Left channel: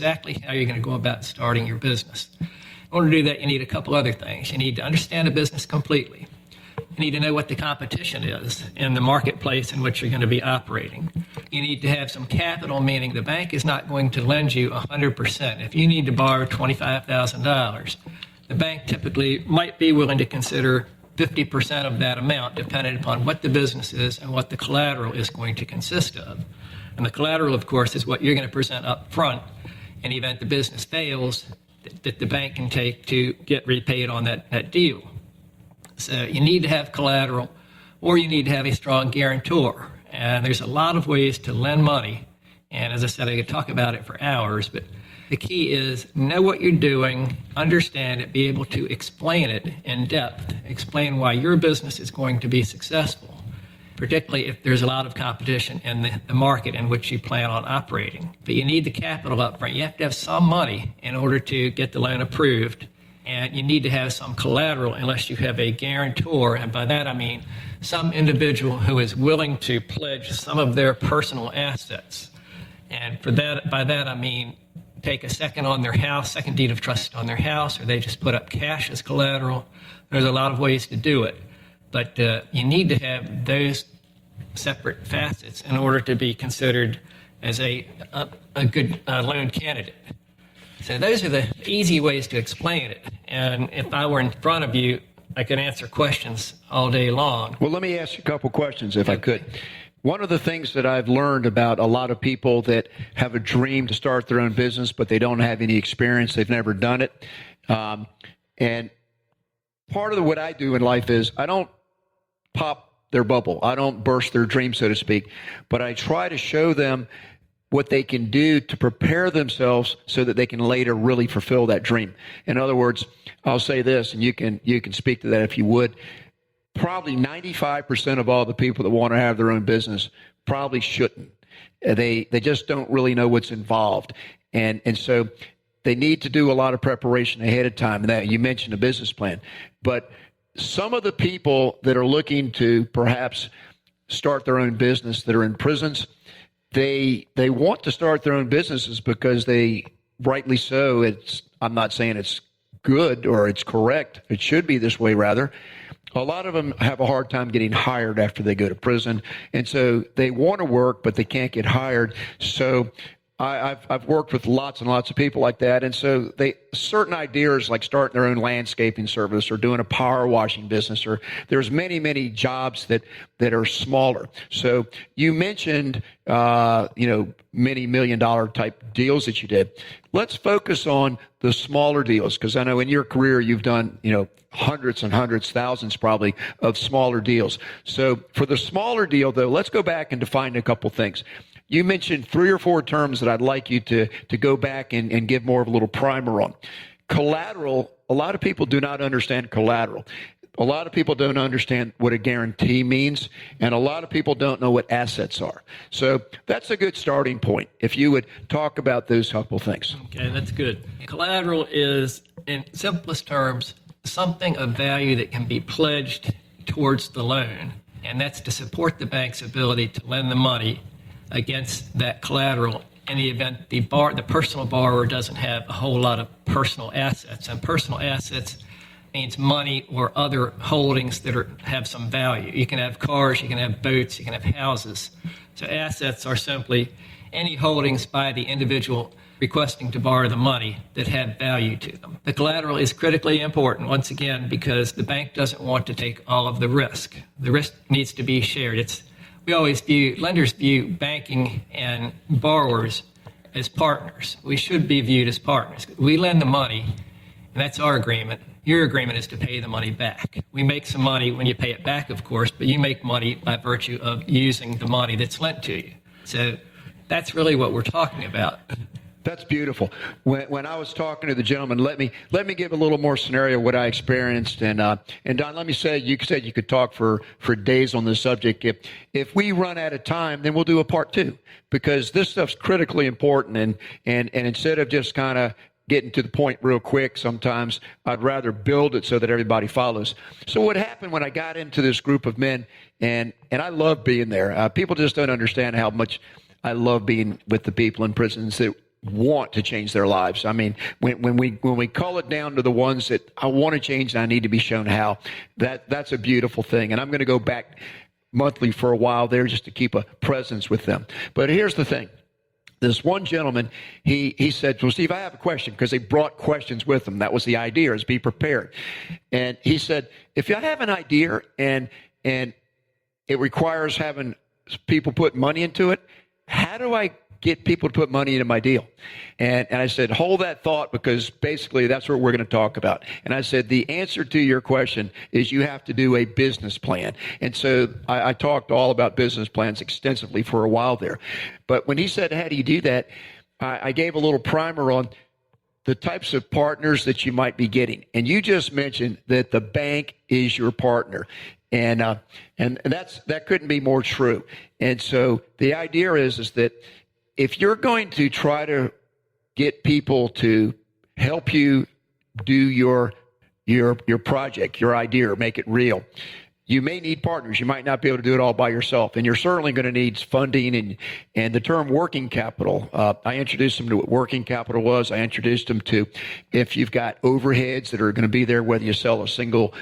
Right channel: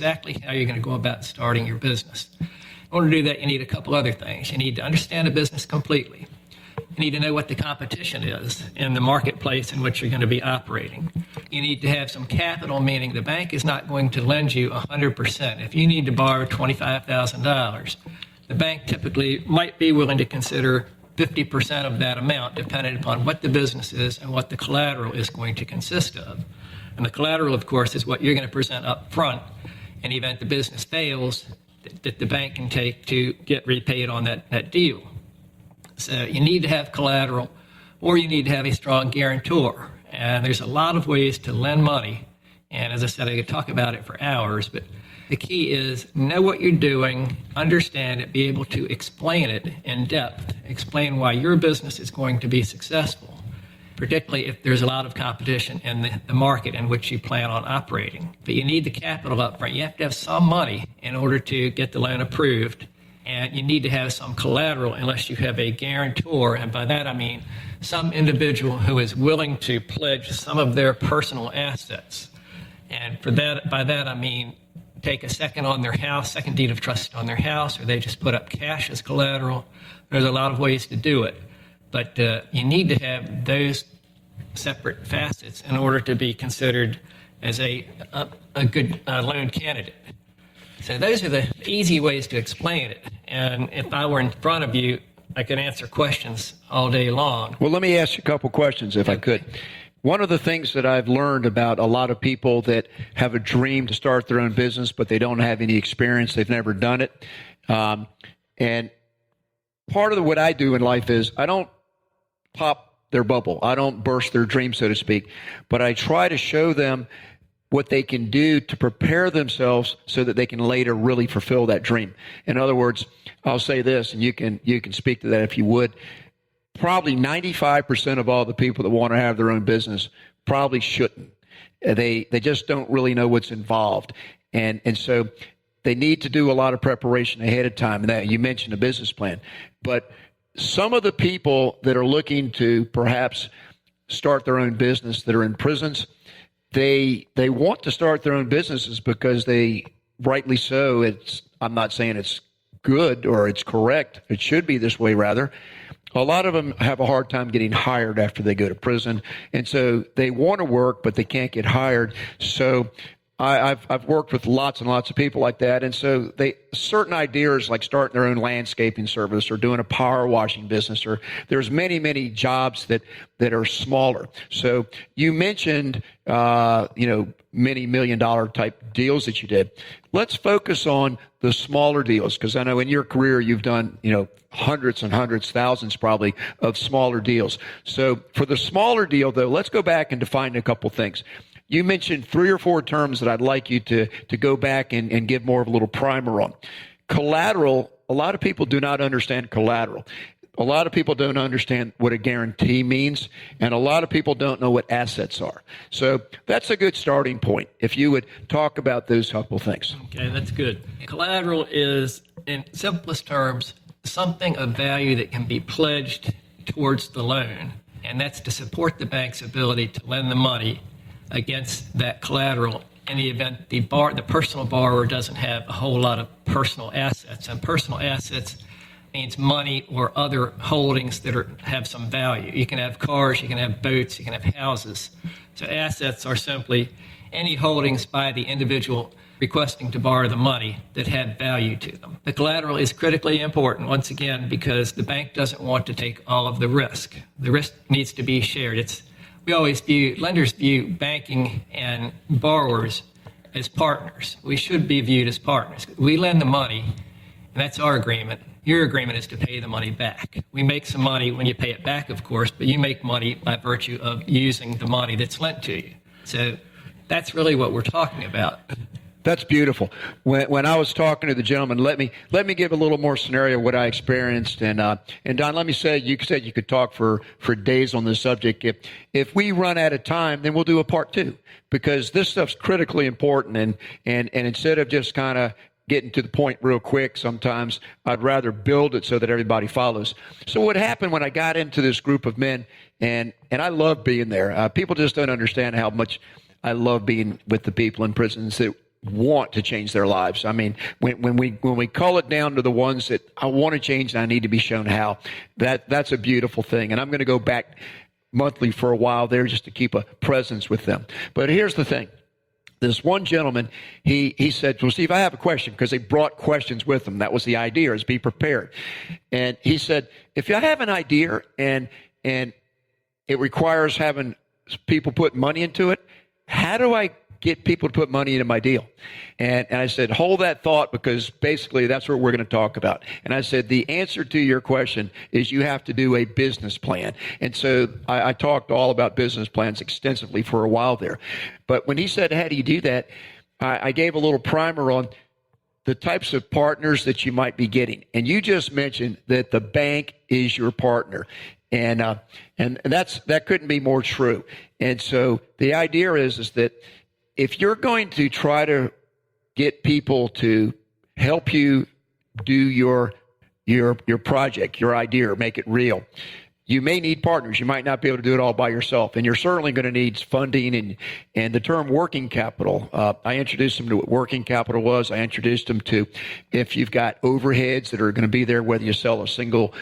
exactly how you're going to go about starting your business. In order to do that, you need a couple other things. You need to understand the business completely. You need to know what the competition is in the marketplace in which you're going to be operating. You need to have some capital, meaning the bank is not going to lend you 100%. If you need to borrow $25,000, the bank typically might be willing to consider 50% of that amount, depending upon what the business is and what the collateral is going to consist of. And the collateral, of course, is what you're going to present up front in the event the business fails, that the bank can take to get repaid on that deal. So you need to have collateral, or you need to have a strong guarantor. And there's a lot of ways to lend money. And as I said, I could talk about it for hours, but the key is know what you're doing, understand it, be able to explain it in depth, explain why your business is going to be successful, particularly if there's a lot of competition in the market in which you plan on operating. But you need the capital up front. You have to have some money in order to get the loan approved. And you need to have some collateral unless you have a guarantor. And by that, I mean some individual who is willing to pledge some of their personal assets. And by that, I mean take a second on their house, second deed of trust on their house, or they just put up cash as collateral. There's a lot of ways to do it. But you need to have those separate facets in order to be considered as a good loan candidate. So those are the easy ways to explain it. And if I were in front of you, I could answer questions all day long. Well, let me ask you a couple questions if I could. One of the things that I've learned about a lot of people that have a dream to start their own business, but they don't have any experience, they've never done it. And part of what I do in life is I don't pop their bubble. I don't burst their dream, so to speak, but I try to show them what they can do to prepare themselves so that they can later really fulfill that dream. In other words, I'll say this, and you can speak to that if you would. Probably 95% of all the people that want to have their own business probably shouldn't. They just don't really know what's involved. And so they need to do a lot of preparation ahead of time. And that you mentioned a business plan. But some of the people that are looking to perhaps start their own business that are in prisons, they want to start their own businesses because they, rightly so, I'm not saying it's good or it's correct. It should be this way, rather. A lot of them have a hard time getting hired after they go to prison. And so they want to work, but they can't get hired. So I've worked with lots and lots of people like that. And so certain ideas like starting their own landscaping service or doing a power washing business, or there's many, many jobs that are smaller. So you mentioned, many $1 million type deals that you did. Let's focus on the smaller deals, because I know in your career you've done, hundreds and hundreds, thousands probably of smaller deals. So for the smaller deal, though, let's go back and define a couple things. You mentioned 3 or 4 terms that I'd like you to go back and give more of a little primer on. Collateral, a lot of people do not understand collateral. A lot of people don't understand what a guarantee means, and a lot of people don't know what assets are. So that's a good starting point, if you would talk about those couple things. Okay, that's good. Collateral is, in simplest terms, something of value that can be pledged towards the loan, and that's to support the bank's ability to lend the money against that collateral in the event the personal borrower doesn't have a whole lot of personal assets. And personal assets means money or other holdings that have some value. You can have cars, you can have boats, you can have houses. So assets are simply any holdings by the individual requesting to borrow the money that have value to them. The collateral is critically important, once again, because the bank doesn't want to take all of the risk. The risk needs to be shared. Lenders view banking and borrowers as partners. We should be viewed as partners. We lend the money, and that's our agreement. Your agreement is to pay the money back. We make some money when you pay it back, of course, but you make money by virtue of using the money that's lent to you. So that's really what we're talking about. That's beautiful. When I was talking to the gentleman, let me give a little more scenario of what I experienced. And Don, let me say, you said you could talk for days on this subject. If we run out of time, then we'll do a part 2, because this stuff's critically important. And instead of just kind of getting to the point real quick, sometimes I'd rather build it so that everybody follows. So what happened when I got into this group of men, and I love being there. People just don't understand how much I love being with the people in prisons. want to change their lives. I mean, when we call it down to the ones that I want to change and I need to be shown how, that's a beautiful thing. And I'm going to go back monthly for a while there just to keep a presence with them. But here's the thing. This one gentleman, he said, well, Steve, I have a question, because they brought questions with them. That was the idea, is be prepared. And he said, if I have an idea and it requires having people put money into it, how do I get people to put money into my deal? And I said, hold that thought, because basically that's what we're going to talk about. And I said, the answer to your question is you have to do a business plan. And so I talked all about business plans extensively for a while there. But when he said, how do you do that? I gave a little primer on the types of partners that you might be getting. And you just mentioned that the bank is your partner. And that couldn't be more true. And so the idea is that if you're going to try to get people to help you do your project, your idea, or make it real, you may need partners. You might not be able to do it all by yourself, and you're certainly going to need funding and the term working capital. I introduced them to what working capital was. I introduced them to, if you've got overheads that are going to be there, whether you sell a single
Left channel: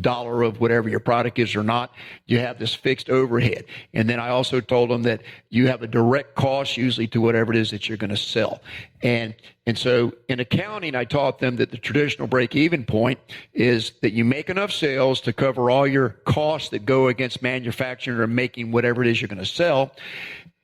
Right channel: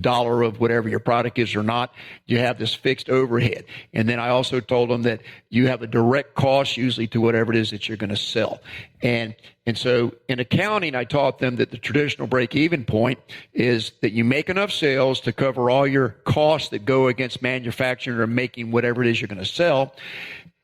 dollar of whatever your product is or not, you have this fixed overhead. And then I also told them that you have a direct cost usually to whatever it is that you're going to sell. And so in accounting, I taught them that the traditional break-even point is that you make enough sales to cover all your costs that go against manufacturing or making whatever it is you're going to sell,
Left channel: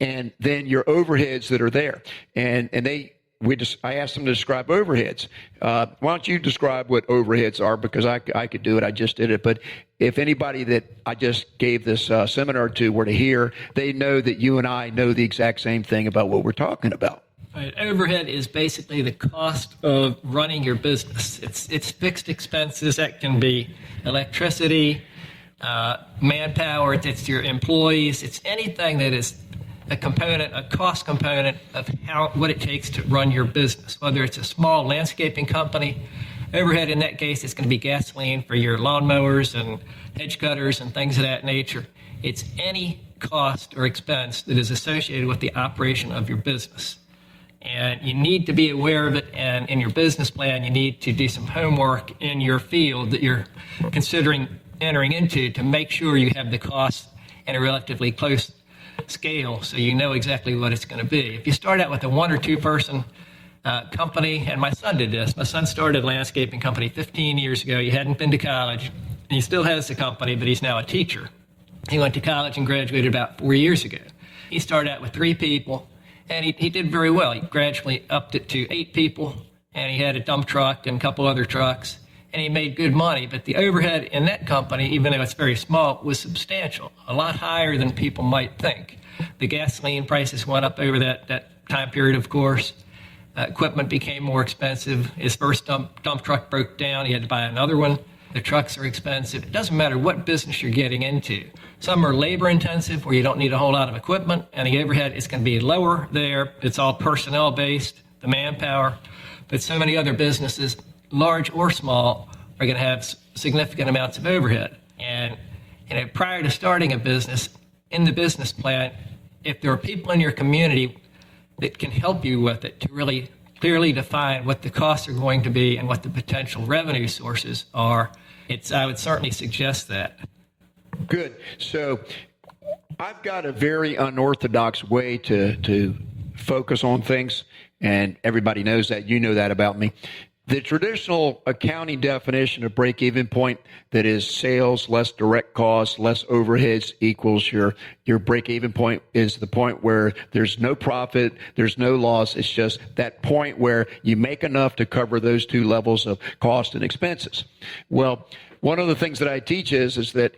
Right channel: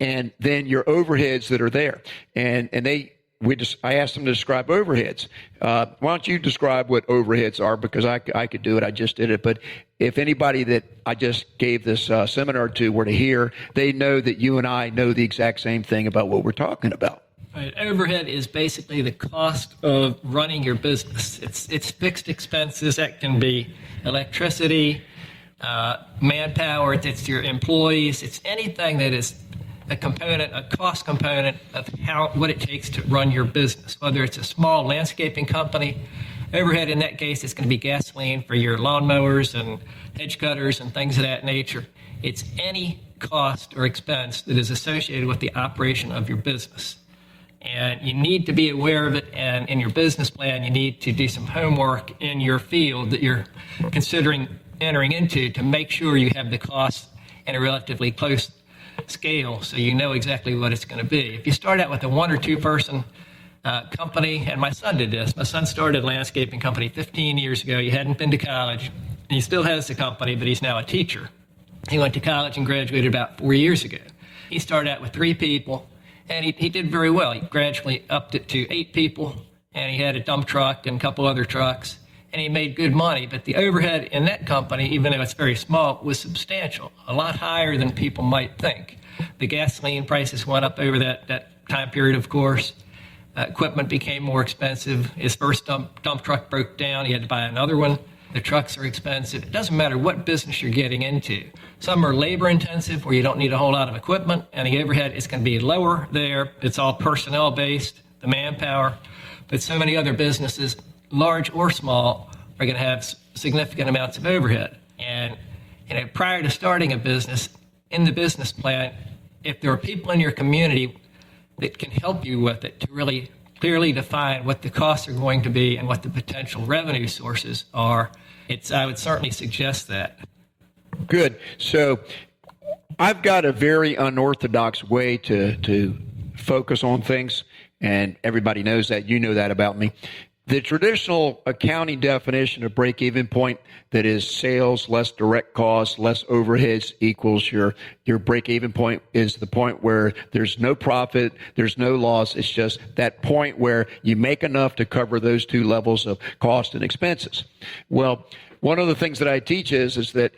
and then your overheads that are there. And I asked them to describe overheads. Why don't you describe what overheads are? Because I could do it. I just did it. But if anybody that I just gave this seminar to were to hear, they know that you and I know the exact same thing about what we're talking about. Right. Overhead is basically the cost of running your business. It's fixed expenses. That can be electricity, manpower. It's your employees. It's anything that is a cost component of what it takes to run your business. Whether it's a small landscaping company, overhead in that case is going to be gasoline for your lawnmowers and hedge cutters and things of that nature. It's any cost or expense that is associated with the operation of your business. And you need to be aware of it, and in your business plan, you need to do some homework in your field that you're considering entering into to make sure you have the costs in a relatively close scale so you know exactly what it's going to be. If you start out with a 1 or 2 person company, and my son did this. My son started a landscaping company 15 years ago. He hadn't been to college. He still has the company, but he's now a teacher. He went to college and graduated about 4 years ago. He started out with 3 people, and he did very well. He gradually upped it to 8 people, and he had a dump truck and a couple other trucks, and he made good money. But the overhead in that company, even though it's very small, was substantial, a lot higher than people might think. The gasoline prices went up over that time period, of course. Equipment became more expensive. His first dump truck broke down. He had to buy another one. The trucks are expensive. It doesn't matter what business you're getting into. Some are labor intensive where you don't need a whole lot of equipment, and the overhead is going to be lower there. It's all personnel based, the manpower. But so many other businesses, large or small, are going to have significant amounts of overhead. And prior to starting a business, in the business plan, if there are people in your community that can help you with it to really clearly define what the costs are going to be and what the potential revenue sources are, I would certainly suggest that. Good. So I've got a very unorthodox way to focus on things, and everybody knows that. You know that about me. The traditional accounting definition of break-even point, that is sales less direct costs, less overheads equals your break-even point, is the point where there's no profit, there's no loss. It's just that point where you make enough to cover those 2 levels of cost and expenses. Well, one of the things that I teach is that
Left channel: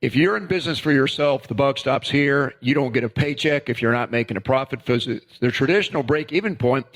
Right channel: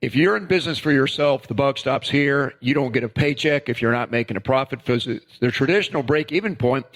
if you're in business for yourself, the buck stops here. You don't get a paycheck if you're not making a profit. The traditional break-even point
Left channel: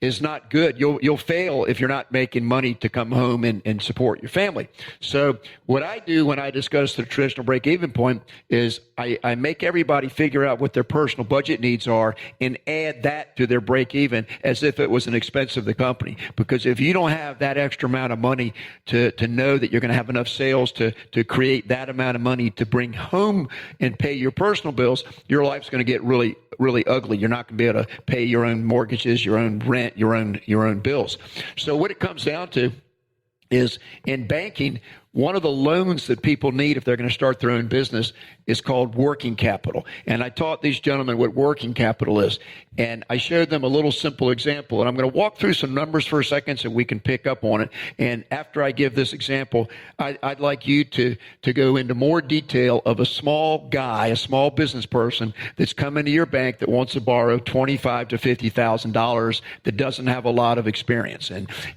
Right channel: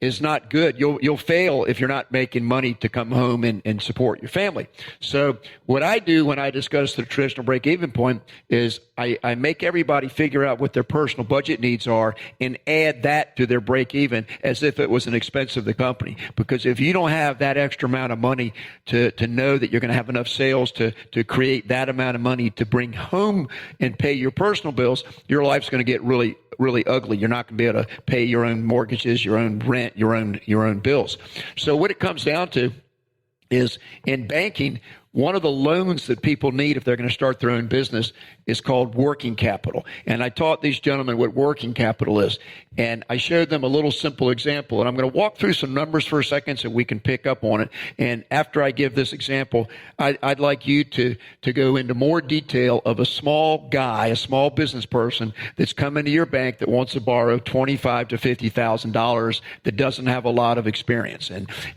is not good. You'll fail if you're not making money to come home and support your family. So what I do when I discuss the traditional break-even point is I make everybody figure out what their personal budget needs are and add that to their break-even as if it was an expense of the company. Because if you don't have that extra amount of money to know that you're going to have enough sales to create that amount of money to bring home and pay your personal bills, your life's going to get really really ugly. You're not going to be able to pay your own mortgages, your own rent, your own bills. So what it comes down to is in banking, one of the loans that people need if they're going to start their own business is called working capital. And I taught these gentlemen what working capital is. And I showed them a little simple example. And I'm going to walk through some numbers for a second so we can pick up on it. And after I give this example, I'd like you to go into more detail of a small guy, a small business person that's coming to your bank that wants to borrow $25,000 to $50,000 that doesn't have a lot of experience,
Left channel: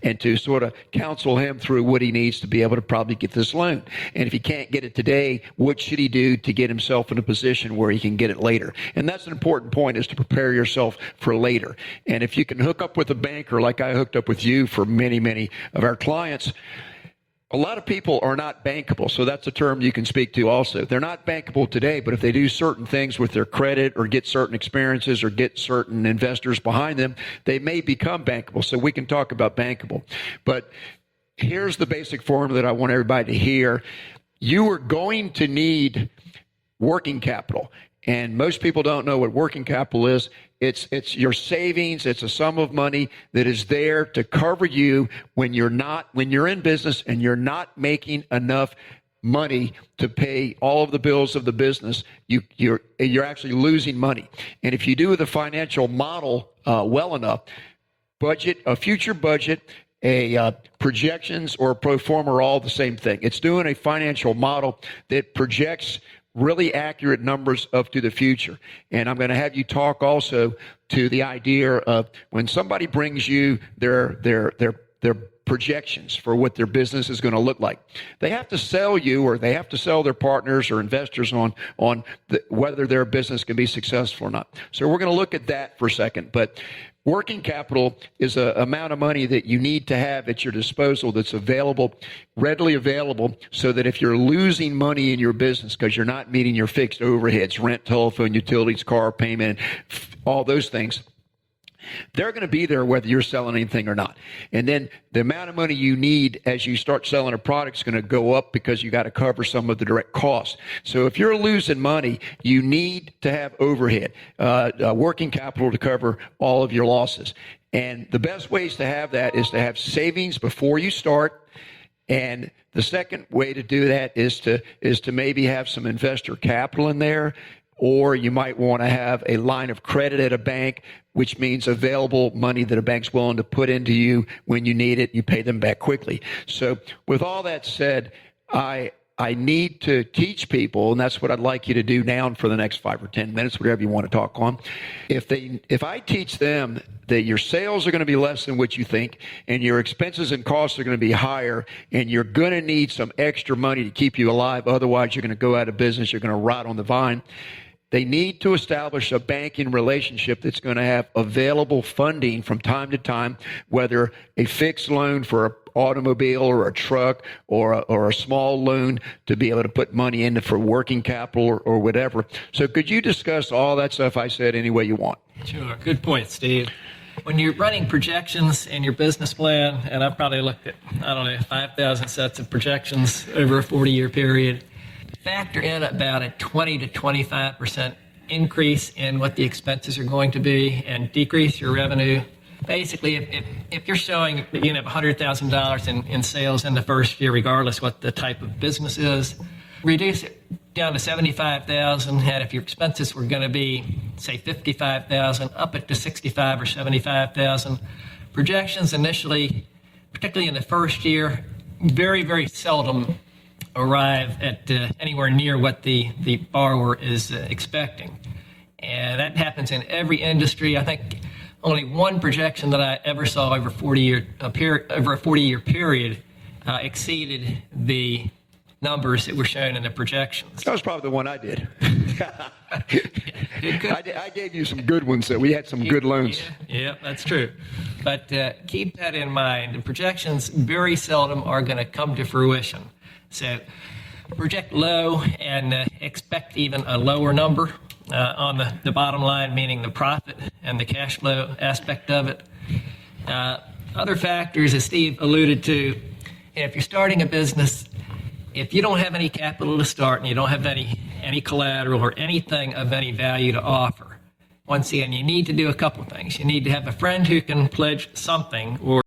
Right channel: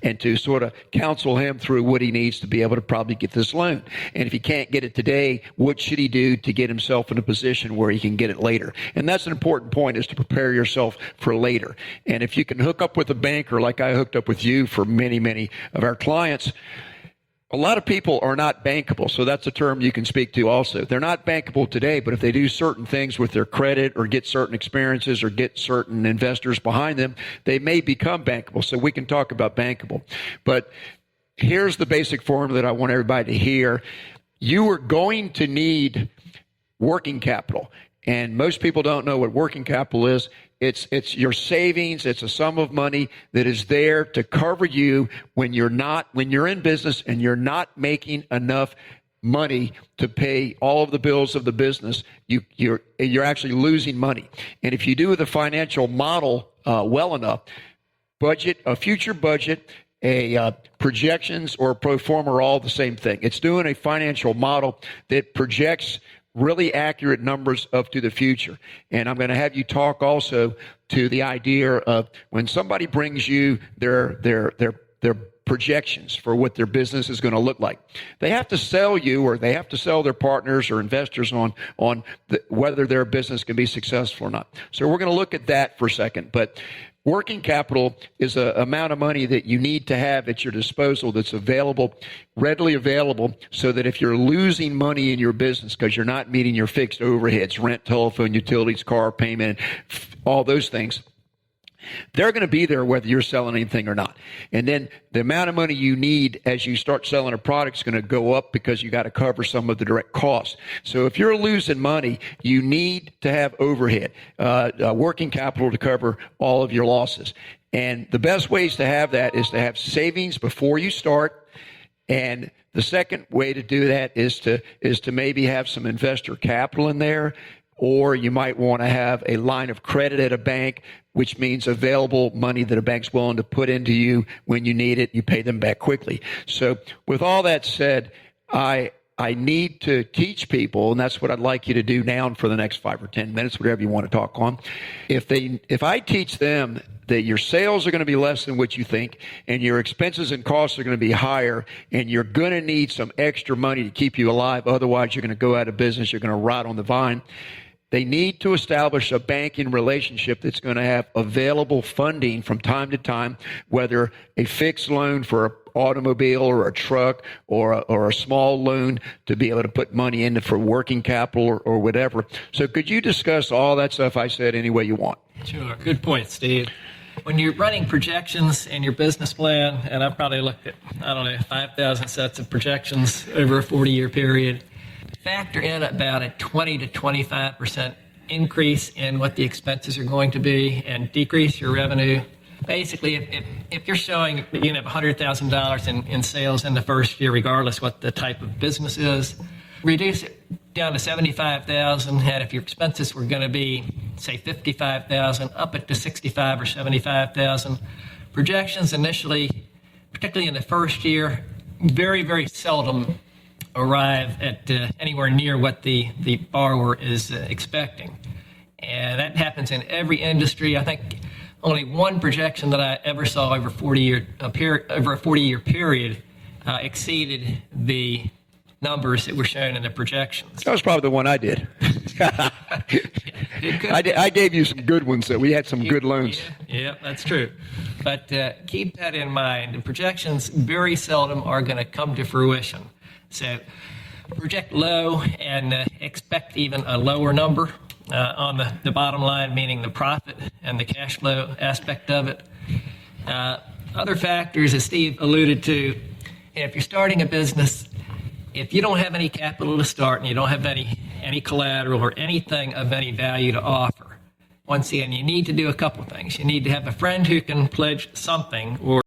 and to sort of counsel him through what he needs to be able to probably get this loan. And if he can't get it today, what should he do to get himself in a position where he can get it later? And that's an important point, is to prepare yourself for later. And if you can hook up with a banker like I hooked up with you for many, many of our clients, a lot of people are not bankable. So that's a term you can speak to also. They're not bankable today, but if they do certain things with their credit or get certain experiences or get certain investors behind them, they may become bankable. So we can talk about bankable. But here's the basic formula that I want everybody to hear. You are going to need working capital. And most people don't know what working capital is. It's your savings. It's a sum of money that is there to cover you when you're in business and you're not making enough money to pay all of the bills of the business. You're actually losing money. And if you do the financial model well enough, a future budget, projections, or a pro forma are all the same thing. It's doing a financial model that projects really accurate numbers up to the future. And I'm going to have you talk also to the idea of when somebody brings you their projections for what their business is going to look like. They have to sell you, or they have to sell their partners or investors on whether their business can be successful or not. So we're going to look at that for a second. But working capital is an amount of money that you need to have at your disposal that's readily available, so that if you're losing money in your business because you're not meeting your fixed overheads, rent, telephone, utilities, car payment, all those things, they're going to be there whether you're selling anything or not. And then the amount of money you need as you start selling a product is going to go up because you got to cover some of the direct costs. So if you're losing money, you need to have overhead, working capital to cover all of your losses. And the best ways to have that is to have savings before you start. And the second way to do that is to maybe have some investor capital in there. Or you might want to have a line of credit at a bank, which means available money that a bank's willing to put into you when you need it. You pay them back quickly. So with all that said, I need to teach people, and that's what I'd like you to do now and for the next 5 or 10 minutes, whatever you want to talk on. If I teach them that your sales are going to be less than what you think, and your expenses and costs are going to be higher, and you're going to need some extra money to keep you alive, otherwise you're going to go out of business, you're going to rot on the vine. They need to establish a banking relationship that's going to have available funding from time to time, whether a fixed loan for an automobile or a truck, or a small loan to be able to put money into for working capital or whatever. So could you discuss all that stuff I said any way you want? Sure. Good point, Steve. When you're running projections in your business plan, and I've probably looked at, 5,000 sets of projections over a 40-year period, factor in about a 20 to 25% increase in what the expenses are going to be and decrease your revenue. Basically, if you're showing that you have $100,000 in sales in the first year, regardless what the type of business is, reduce it down to $75,000, and if your expenses were going to be, say, $55,000, up it to $65,000 or $75,000. Projections initially, particularly in the first year, very, very seldom arrive at anywhere near what the borrower is expecting. And that happens in every industry. I think only one projection that I ever saw over a 40-year period exceeded the numbers that were shown in the projections. That was probably the one I did. I gave you some good ones, so we had some good loans. Yeah, that's true. But keep that in mind. The projections very seldom are going to come to fruition. So project low and expect even a lower number on the bottom line, meaning the profit and the cash flow aspect of it. Other factors, as Steve alluded to, if you're starting a business, if you don't have any capital to start and you don't have any collateral or anything of any value to offer, Once again, you need to do a couple things. You need to have a friend who can pledge something, or